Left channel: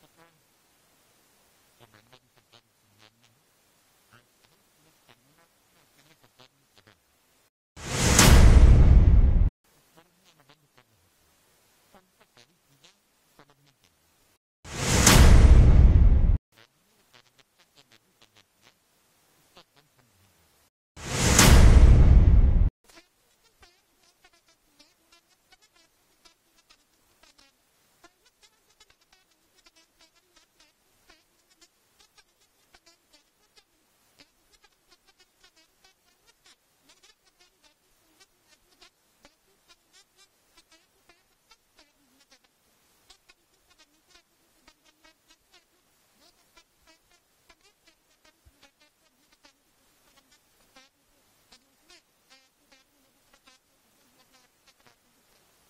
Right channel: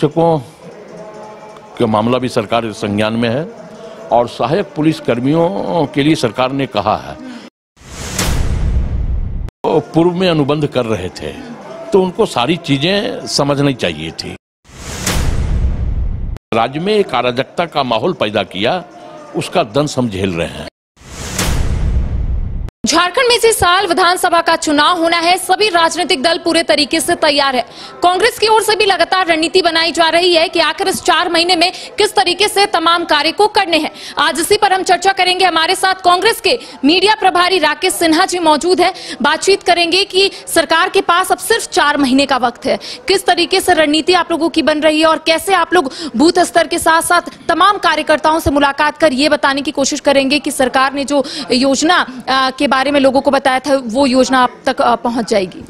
शिक्षकों का मामला भी सरकार के संज्ञान में है और सहायक पुलिस कर्मियों के लिए सरकार ने कहा है, तो पूर्व में अनुबंध कर रहे थे तो उनको सारी चीजें समझनी चाहिए थी। राज्य में एक अराजकता का माहौल पैदा किया, उसका दंश हम झेल रहे हैं। झारखंड में इसी साल विधानसभा का चुनाव होना है। सभी राजनीतिक दल पूरे तरीके से तैयार है। कांग्रेस की ओर से भी लगातार रणनीति बनाई जा रही है कि आखिर इस 4 महीने में किस तरीके से तमाम कार्य को करने हैं। आज इसी पर हम चर्चा करेंगे। हमारे साथ कांग्रेस के मीडिया प्रभारी राकेश सिन्हा जी मौजूद है। बातचीत करेंगे कि सरकार के पास अब सिर्फ 4 महीने का वक्त है, किस तरीके से रणनीति आप लोगों की बन रही है और कैसे आप लोग बूथ स्तर के साथ साथ तमाम कार्यकर्ताओं से मुलाकात कर ये बताने की कोशिश करेंगे कि सरकार ने जो योजना के बारे में लोगों को बताया था वो योजना आप तक पहुंच जाएगी।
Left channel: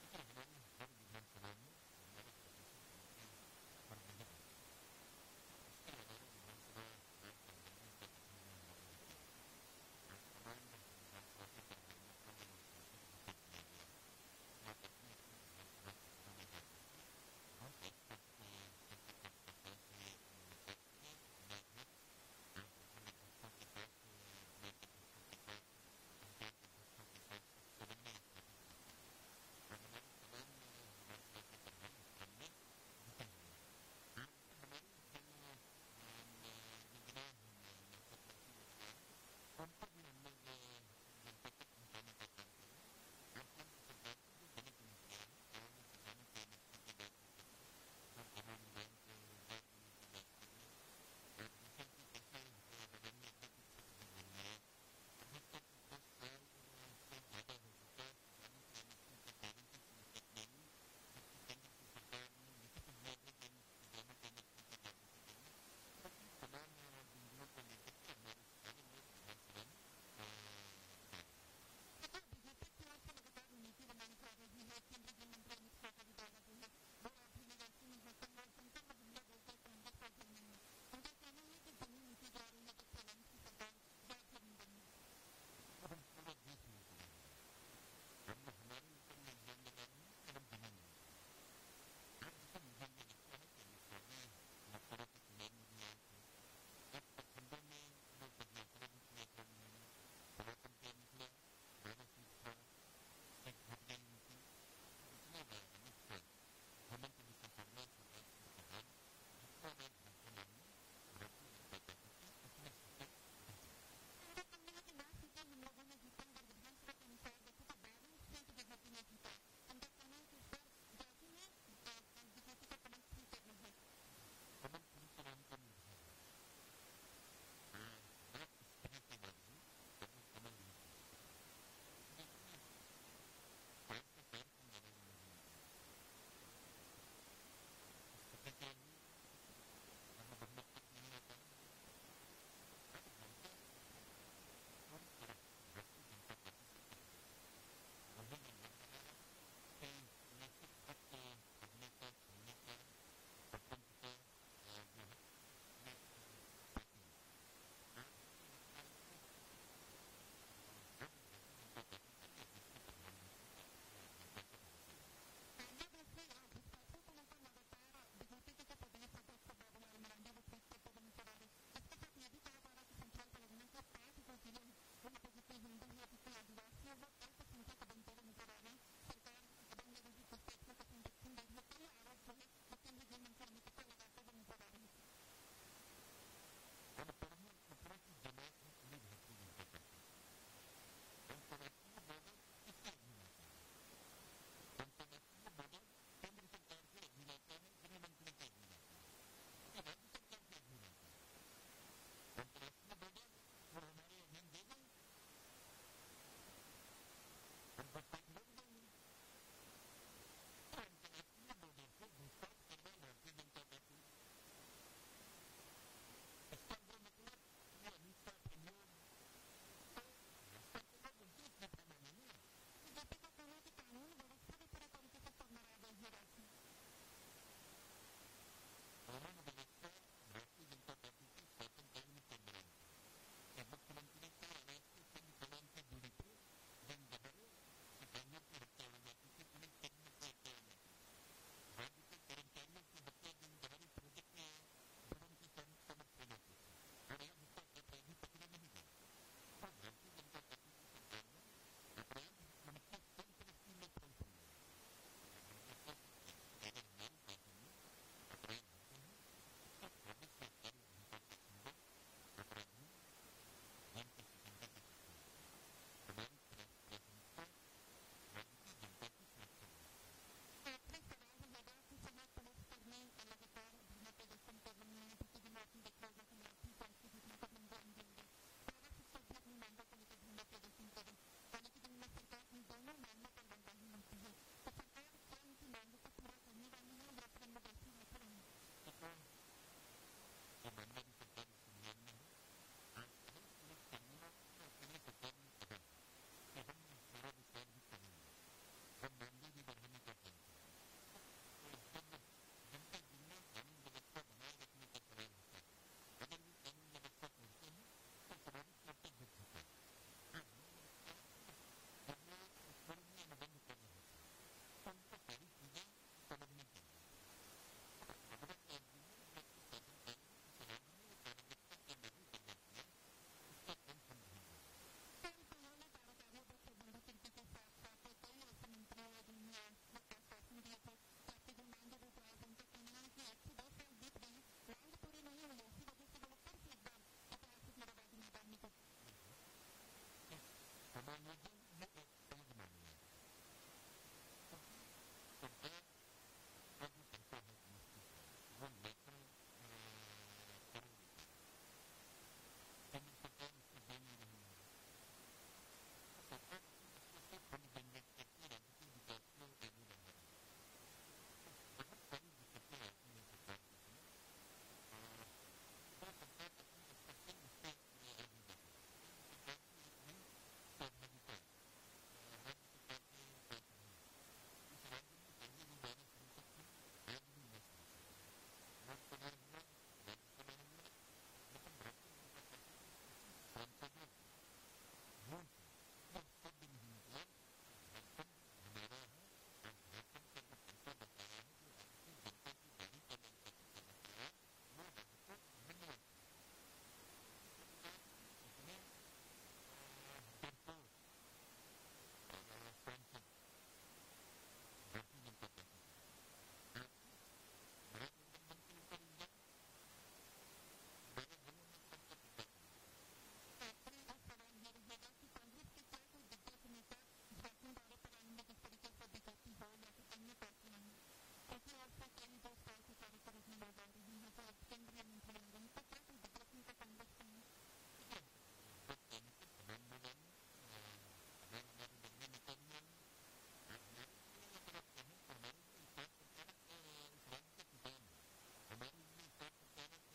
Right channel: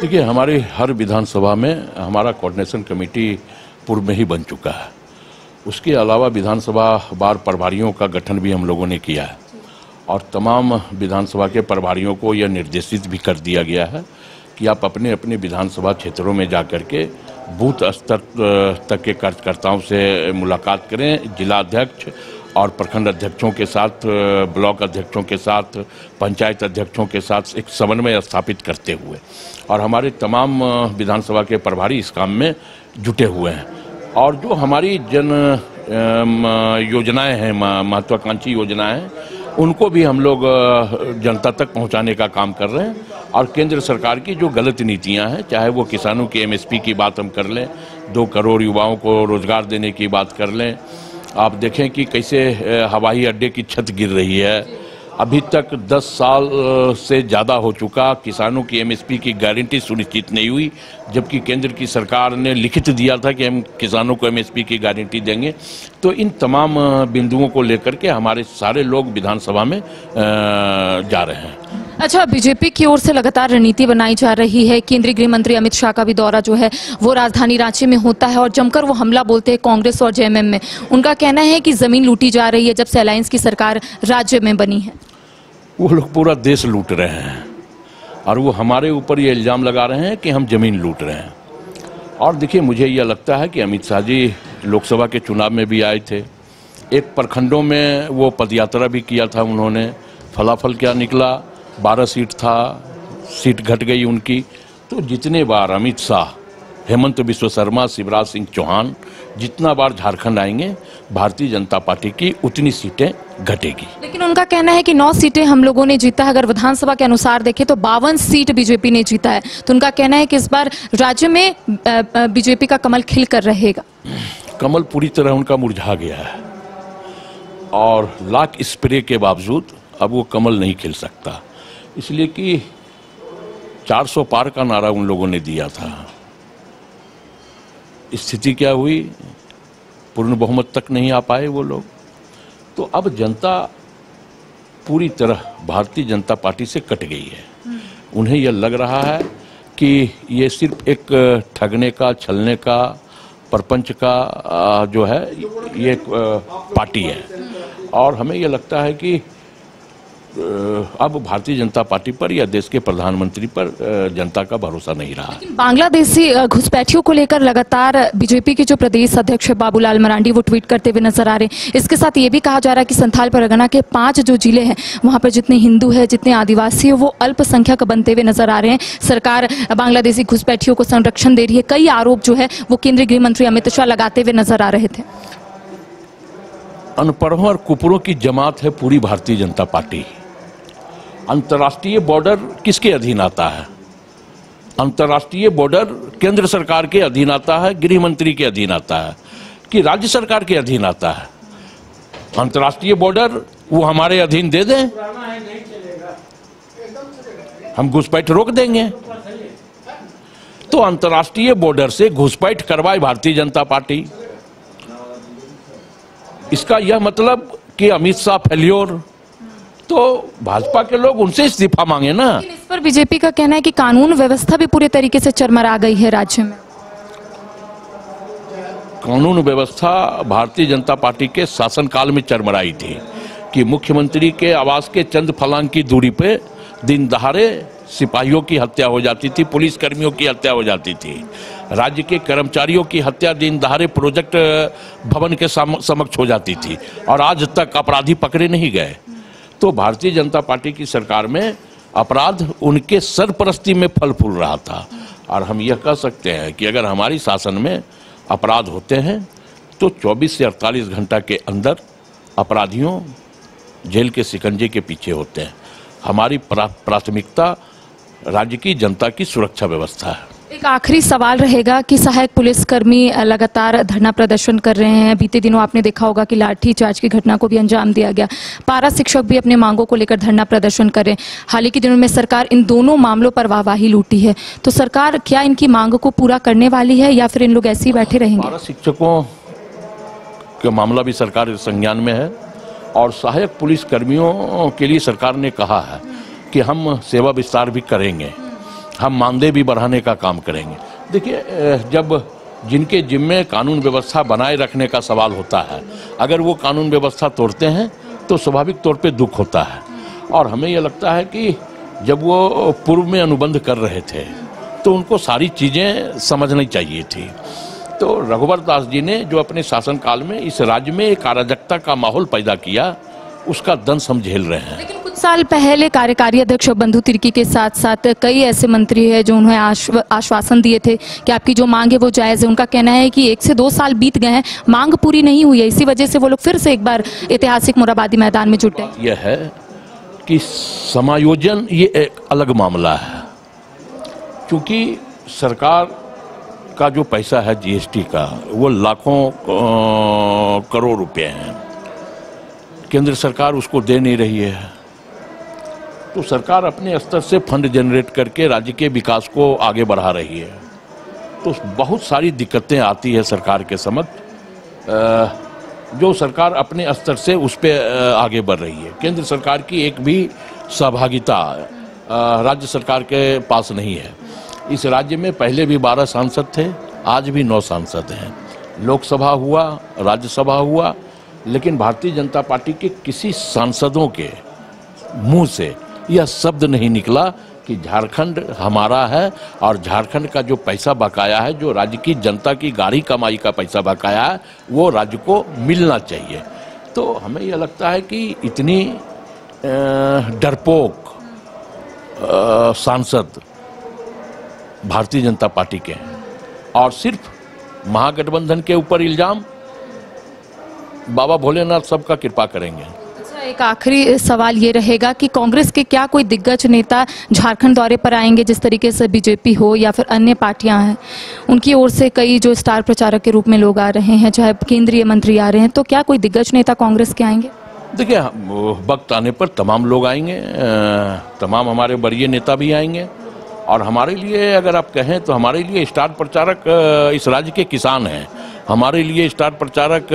देखिए, हमारी हर विधानसभा में हमारा कोऑर्डिनेशन कमेटी पूर्व में ही बन चुका है। उसके अलावा विधानसभा वार प्रभारियों का गठन भी हम लोगों ने किया है और तमाम विधानसभा के प्रभारियों को यह निर्देशित भी कर दिया गया है कि आप अपने अपने विधानसभा क्षेत्रों में जाकर के बूथ स्तर तक के कार्यकर्ताओं से मुलाकात करें। जिला अध्यक्ष और प्रखंड अध्यक्षों के साथ, ब्लॉक अध्यक्षों के साथ, पंचायत अध्यक्षों के साथ एक समन्वय स्थापित करते हुए, और हमारे तमाम विधानसभा के प्रभारी इस काम में जुटे हुए हैं। और जो हमारी जन योजनाएं हैं, महत्वाकांक्षी योजनाएं हैं, उनको भी हम लोग जनता तक पहुंचाने का काम कर रहे हैं। और केंद्र सरकार की जो गलत नीतियां हैं, चाहे वो किसानों की MSP की बात हम कर लें, 2 करोड़ युवाओं को रोजगार देने की बात कर लें, आप देखें कि कैसे हवाई अड्डे की छत गिर रही है। अभी तक 10 साल से ज़्यादा हो चुका, किसानों की MSP की गारंटी सुनिश्चित नहीं हुई, जबकि केंद्र की सरकार ने लिखित दिया था कि हम किसानों को MSP की गारंटी देंगे। तो इन तमाम बिंदुओं को लेकर के हमारे सारे लोग विधानसभा में जा रहे हैं। अच्छा, बीजेपी की ओर से लगातार रणनीति बनाई जा रही है। केंद्रीय गृह मंत्री अमित शाह का भी दौरा जो है वो राजधानी रांची में होता है और जमकर वो हमला बोलते हैं कांग्रेस और JMM में। उनका कहना है कि जमीन लूटी जा रही है जब से अलायंस की सरकार राज्य में बनी है। वो लोग पूरा देश लूट रहे हैं और वो हमारे ऊपर ये इल्जाम लगा रहे हैं कि हम जमीन लूट रहे हैं। और देखिए, मुझे यह लगता है कि अमित शाह जी लोकसभा के चुनाव में भी आए थे, एक प्रखंडों में वो पदयात्रा भी किया था उन्होंने। फलाफल क्या निकला, 12 सीट था, सीट घट गई उनकी। तो जितने बार अमित शाह, हेमंत बिस्व शर्मा, शिवराज सिंह चौहान जितना बार झारखंड आएंगे, भारतीय जनता पार्टी की उतनी सीटें घटेगी। लेकिन उनका कहना है कि 9 सीटें हम लोगों ने जीता है। अगर विधानसभा के अनुसार देखें तो 52 सीट बीजेपी ने जीता है। तो उनका कहना है कि इस बार राज्य में बीजेपी का कमल खिल कर रहेगा। कमल पूरी तरह उनका मुरझा गया है और लाख स्प्रे के बावजूद अब वो कमल नहीं खिल सकता, इसलिए कि 400 पार का नारा उन लोगों ने दिया था। स्थिति क्या हुई, पूर्ण बहुमत तक नहीं आ पाए वो लोग। तो अब जनता पूरी तरह भारतीय जनता पार्टी से कट गई है। उन्हें यह लग रहा है कि ये सिर्फ एक ठगने का, छलने का, प्रपंच का जो है ये एक पार्टी है। और हमें यह लगता है कि अब भारतीय जनता पार्टी पर या देश के प्रधानमंत्री पर जनता का भरोसा नहीं रहा। बांग्लादेशी घुसपैठियों को लेकर लगातार बीजेपी के जो प्रदेश अध्यक्ष बाबूलाल मरांडी वो ट्वीट करते हुए नजर आ रहे हैं। इसके साथ ये भी कहा जा रहा है कि संथाल परगना के 5 जो जिले हैं वहां पर जितने हिंदू है, जितने आदिवासी है, वो अल्पसंख्यक बनते हुए नजर आ रहे हैं। सरकार बांग्लादेशी घुसपैठियों को संरक्षण दे रही है। कई आरोप जो है वो केंद्रीय गृह मंत्री अमित शाह लगाते हुए नजर आ रहे थे। अनपढ़ों और कुपरों की जमात है पूरी भारतीय जनता पार्टी। अंतर्राष्ट्रीय बॉर्डर किसके अधीन आता है? अंतर्राष्ट्रीय बॉर्डर केंद्र सरकार के अधीन आता है, गृह मंत्री के अधीन आता है कि राज्य सरकार के अधीन आता है? अंतर्राष्ट्रीय बॉर्डर वो हमारे अधीन दे दें, हम घुसपैठ रोक देंगे। तो अंतर्राष्ट्रीय बॉर्डर से घुसपैठ करवाए भारतीय जनता पार्टी। इसका यह मतलब कि अमित शाह फेल्योर, तो भाजपा के लोग उनसे इस्तीफा मांगे ना। इस पर बीजेपी का कहना है कि कानून व्यवस्था भी पूरे तरीके से चरमरा गई है राज्य में। कानून व्यवस्था भारतीय जनता पार्टी के शासनकाल में चरमराई थी कि मुख्यमंत्री के आवास के चंद फलांग की दूरी पे दिन दहाड़े सिपाहियों की हत्या हो जाती थी, पुलिस कर्मियों की हत्या हो जाती थी। राज्य के कर्मचारियों की हत्या दिन दहाड़े प्रोजेक्ट भवन के समक्ष हो जाती थी और आज तक अपराधी पकड़े नहीं गए। तो भारतीय जनता पार्टी की सरकार में अपराध उनके सरपरस्ती में फल फूल रहा था। और हम यह कह सकते हैं कि अगर हमारी शासन में अपराध होते हैं तो 24 से 48 घंटा के अंदर अपराधियों जेल के शिकंजे के पीछे होते हैं। हमारी प्राथमिकता राज्य की जनता की सुरक्षा व्यवस्था है। एक आखिरी सवाल रहेगा कि सहायक पुलिसकर्मी लगातार धरना प्रदर्शन कर रहे हैं। बीते दिनों आपने देखा होगा कि लाठीचार्ज की घटना को भी अंजाम दिया गया। पारा शिक्षक भी अपने मांगों को लेकर धरना प्रदर्शन कर रहे हैं। हाल ही के दिनों में सरकार इन दोनों मामलों पर वाहवाही लूटी है, तो सरकार क्या इनकी मांगों को पूरा करने वाली है या फिर इन लोग ऐसे ही बैठे रहेंगे? पारा शिक्षकों का मामला भी सरकार संज्ञान में है और सहायक पुलिस कर्मियों के लिए सरकार ने कहा है कि हम सेवा विस्तार भी करेंगे, हम मानदेय भी बढ़ाने का काम करेंगे। देखिए, जब जिनके जिम्मे कानून व्यवस्था बनाए रखने का सवाल होता है, अगर वो कानून व्यवस्था तोड़ते हैं तो स्वाभाविक तौर पे दुख होता है। और हमें यह लगता है कि जब वो पूर्व में अनुबंध कर रहे थे तो उनको सारी चीज़ें समझनी चाहिए थी। तो रघुवर दास जी ने जो अपने शासनकाल में इस राज्य में एक अराजकता का माहौल पैदा किया, उसका दंश हम झेल रहे हैं। लेकिन कुछ साल पहले कार्यकारी अध्यक्ष बंधु तिर्की के साथ साथ कई ऐसे मंत्री हैं जो उन्हें आश्वासन दिए थे कि आपकी जो मांग है वो जायज़ है। उनका कहना है कि 1 से 2 साल बीत गए हैं, मांग पूरी नहीं हुई है, इसी वजह से वो लोग फिर से एक बार ऐतिहासिक मोरहाबादी मैदान में जुटे। यह है कि समायोजन ये एक अलग मामला है, क्योंकि सरकार का जो पैसा है जीएसटी का वो लाखों करोड़ रुपए हैं, केंद्र सरकार उसको दे नहीं रही है। तो सरकार अपने स्तर से फंड जनरेट करके राज्य के विकास को आगे बढ़ा रही है। तो बहुत सारी दिक्कतें आती है सरकार के समक्ष, जो सरकार अपने स्तर से उस पर आगे बढ़ रही है। केंद्र सरकार की एक भी सहभागिता राज्य सरकार के पास नहीं है। इस राज्य में पहले भी 12 सांसद थे, आज भी 9 सांसद हैं। लोकसभा हुआ, राज्यसभा हुआ, लेकिन भारतीय जनता पार्टी के किसी सांसदों के मुंह से यह शब्द नहीं निकला कि झारखंड हमारा है और झारखंड का जो पैसा बकाया है, जो राज्य की जनता की गाढ़ी कमाई का पैसा बकाया है, वो राज्य को मिलना चाहिए। तो हमें यह लगता है कि इतनी डरपोक सांसद भारतीय जनता पार्टी के हैं और सिर्फ महागठबंधन के ऊपर इल्जाम, बाबा भोलेनाथ सबका कृपा करेंगे। अच्छा, एक आखिरी सवाल ये रहेगा कि कांग्रेस के क्या कोई दिग्गज नेता झारखंड दौरे पर आएंगे, जिस तरीके से बीजेपी हो या फिर अन्य पार्टियां हैं, उनकी ओर से कई जो स्टार प्रचारक के रूप में लोग आ रहे हैं, चाहे केंद्रीय मंत्री आ रहे हैं, तो क्या कोई दिग्गज नेता कांग्रेस के आएंगे? देखिए, वक्त आने पर तमाम लोग आएंगे, तमाम हमारे वरीय नेता भी आएंगे। और हमारे लिए अगर आप कहें तो हमारे लिए स्टार प्रचारक इस राज्य के किसान हैं, हमारे लिए स्टार प्रचारक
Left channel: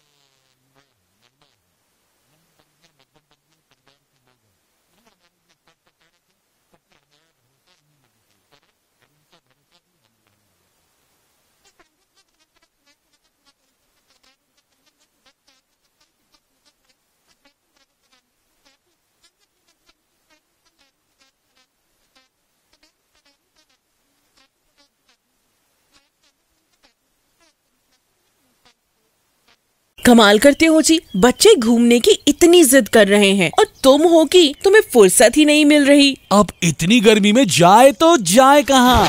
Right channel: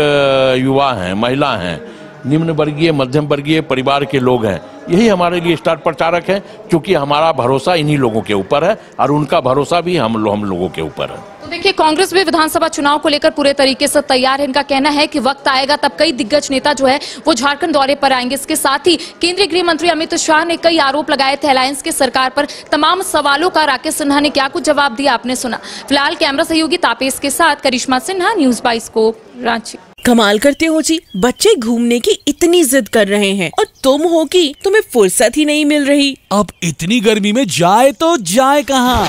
युवा हैं, महिला हैं, निम्न वर्गीय मध्यम वर्गीय परिवार के लोग हैं। यही हमारे लिए स्टार प्रचारक हैं, क्योंकि हमारा भरोसा इन्हीं लोगों के ऊपर है और उनका भरोसा भी हम लोगों के ऊपर है। तो देखिए, कांग्रेस भी विधानसभा चुनाव को लेकर पूरे तरीके से तैयार है। इनका कहना है कि वक्त आएगा तब कई दिग्गज नेता जो है वो झारखंड दौरे पर आएंगे। इसके साथ ही केंद्रीय गृह मंत्री अमित शाह ने कई आरोप लगाए थे अलायंस की सरकार पर। तमाम सवालों का राकेश सिन्हा ने क्या कुछ जवाब दिया, आपने सुना। फिलहाल कैमरा सहयोगी तापेश के साथ करिश्मा सिन्हा, न्यूज़ 22 को रांची। कमाल करते हो जी, बच्चे घूमने की इतनी जिद कर रहे हैं और तुम हो कि तुम्हें फुर्सत ही नहीं मिल रही। अब इतनी गर्मी में जाए तो जाए कहाँ?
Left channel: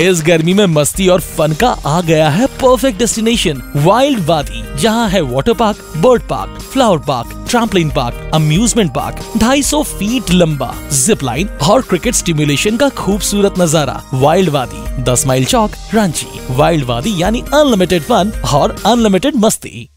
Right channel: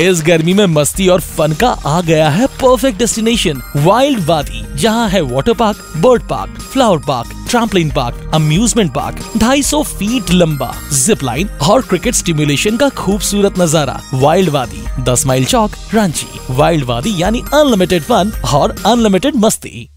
इस गर्मी में मस्ती और फन का आ गया है परफेक्ट डेस्टिनेशन, वाइल्ड वादी, जहाँ है water park, bird park, flower park, trampoline park, amusement park, 250 feet लंबा, जिप लाइन और क्रिकेट स्टिमुलेशन का खूबसूरत नजारा। वाइल्ड वादी, 10 माइल चौक, रांची। वाइल्ड वादी यानी अनलिमिटेड फन और अनलिमिटेड मस्ती।